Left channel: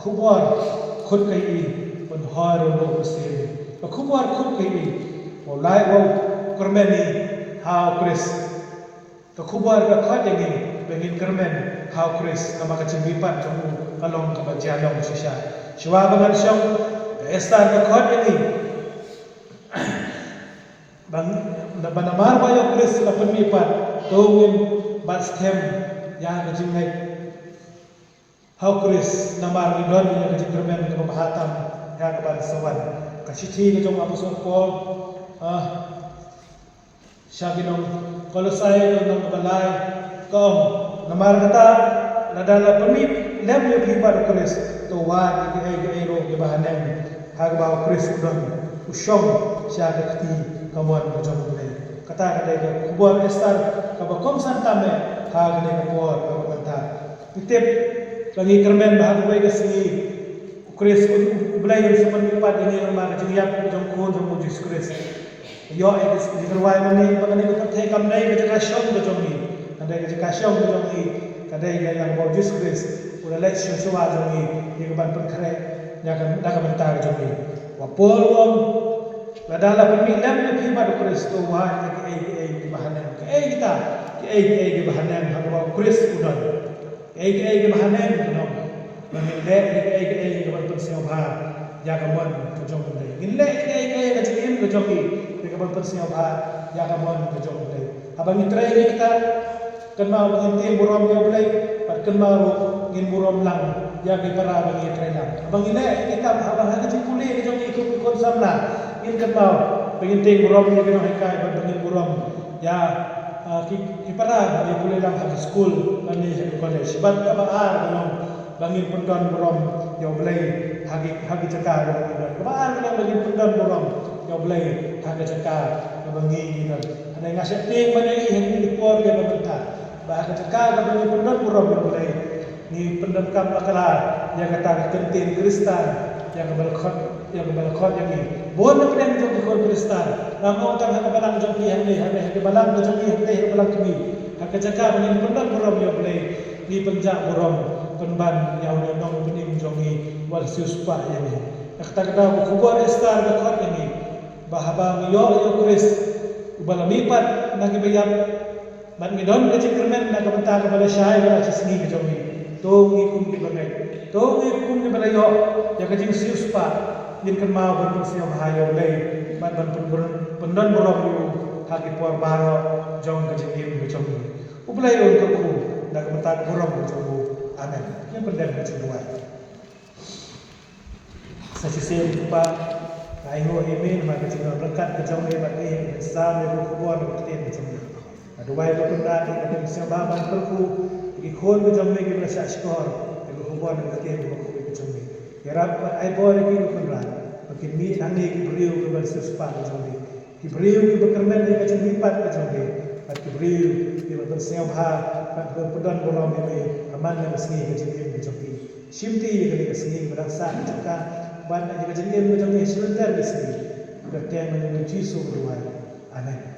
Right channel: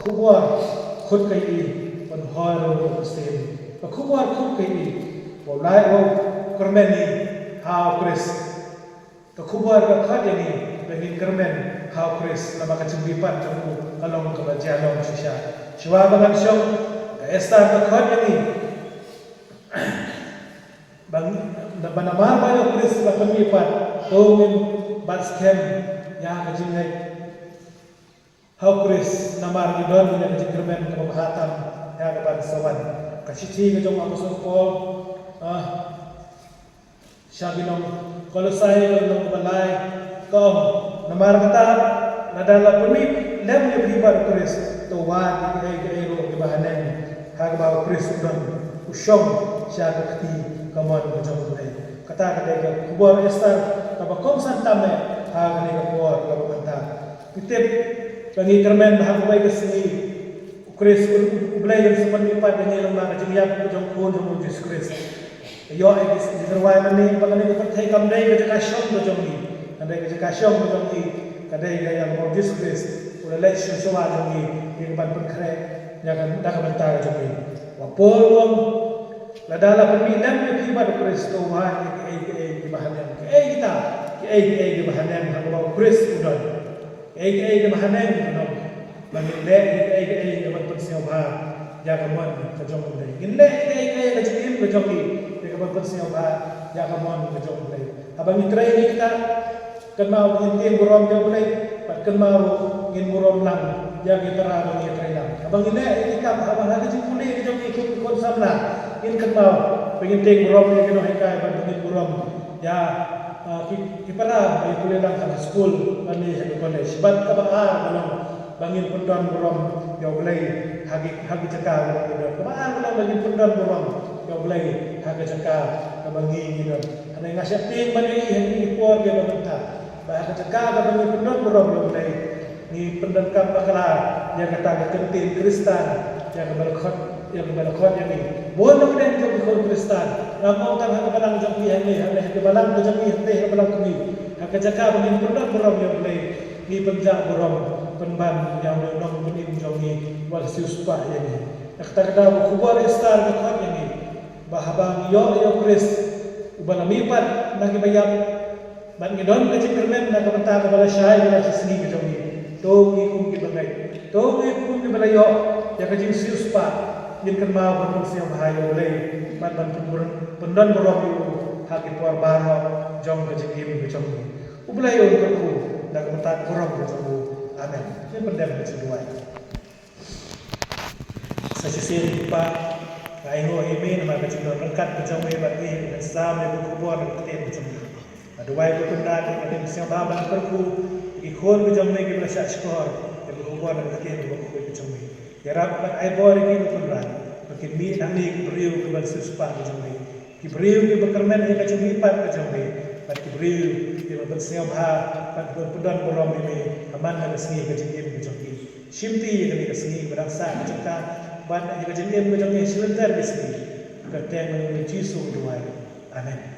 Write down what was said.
Khubwar khut kai i ban haro bo sen khubwar khut kai i bo lai bo kermeni ha kris to khubwar ka khat ni bengin kermen ha kris kama ka cembipan ka kalong ka bajalong sisa shwa ban shong estar ka khat ni bang banamar ba kris ka cembipan to min bat stem ya ka jingai How Chris namar idon ni nak jikirmen ke bahatan ya kepada sawan kasih ke jom apostol Paul Syabinon Kolosai dengan balai kom namar kata nadala pemip lem le pribar Chris to wa di ero di bahanen hag bawa Chris don usyom syagakti kamuan macam ni kata kata ke kubuar estar ke bakom santame hag ne kubuar kata pitip bagi kermen bahagia baik kesini Kris belai yang sepenuh pada dengan orang kejadian jom jom Yesus Kristus. Yo ekis di perwai mani bagi kita thay kamdai kita kasyom jom ni. Ada kita kasyom jom ni. Kadai yang Yesus Kristus. Relation soal jom ni. Yang bantu kere yang dah bentar jom ni. Wapol adalah pemilam lebih pada Kristus Tuhan di bahagian kita di bahagian Kristus udah. Ke mahanen no namile ke bantu sinobha ya kamon ke jom dei ginle ke jin ke jom ke bantu sinobha ya kamon ke jom dei abang itrai kita kenal ngin burom dia boleh kenal ngin burom lang ya ke para abang itrai lang abang ini kita abang hal jin puli ke jom ikut samla ngin kenal pengin burom dia mereka ngin burom ya kipara dia boleh lang school ani boleh sebab apa bangin pundan borom ya boleh hagi cekal apa kita bangin pundan borom ya boleh hagi cekal bangi gitu ada ngasih ting mana ini kuat dia bangunta bahasa cekal bangin pundan borom ya boleh ni pundan kam akalar yang kata kentin Kristen yang berkhot yang ini bon kemudian jom Kristen ramau kan hak balang jom ini hak balang jom ini hak balang kami hak cekal bangin pundan borom ya boleh ni penjak borom penban yang nong penim jongi wal siuspa yani kata kubur estar dekat yani bahaba yo Kris ubah mipat bagi bayam ban ngidon ke cikermen na kamta ka bala syai na cisni ke jongi to ngikum ki bangai to ngikum ki bala yo ya ke jing siuspa min kema ban sia bahaya oleh ban pendan borom yo haki por baro jong ke jingim ke jongi ublah yo ke ku na kamta borom ke jongi amen ini pendem kedua sesisir lupa kaingo imin maka cuma rekat kejauhan bagi sama ibu kubur berketin macam ni dua itu pendat yang sebab berku ikon kejauhan kita syak skor ibu kubur berketin ibu kubur macam ni ya rab aibor ini kunran makin mi nanti kibriu kubur sesuatu macam ni kibriu ki berkermen ni macam ni pat macam ni kibriu ki bersebah pedan borom ini mana kesini kejadian macam ni, simpi yang kami kesini berasa macam kan, banyak kejadian macam ni sebentar kesini, bertemu Yesus dua, amin.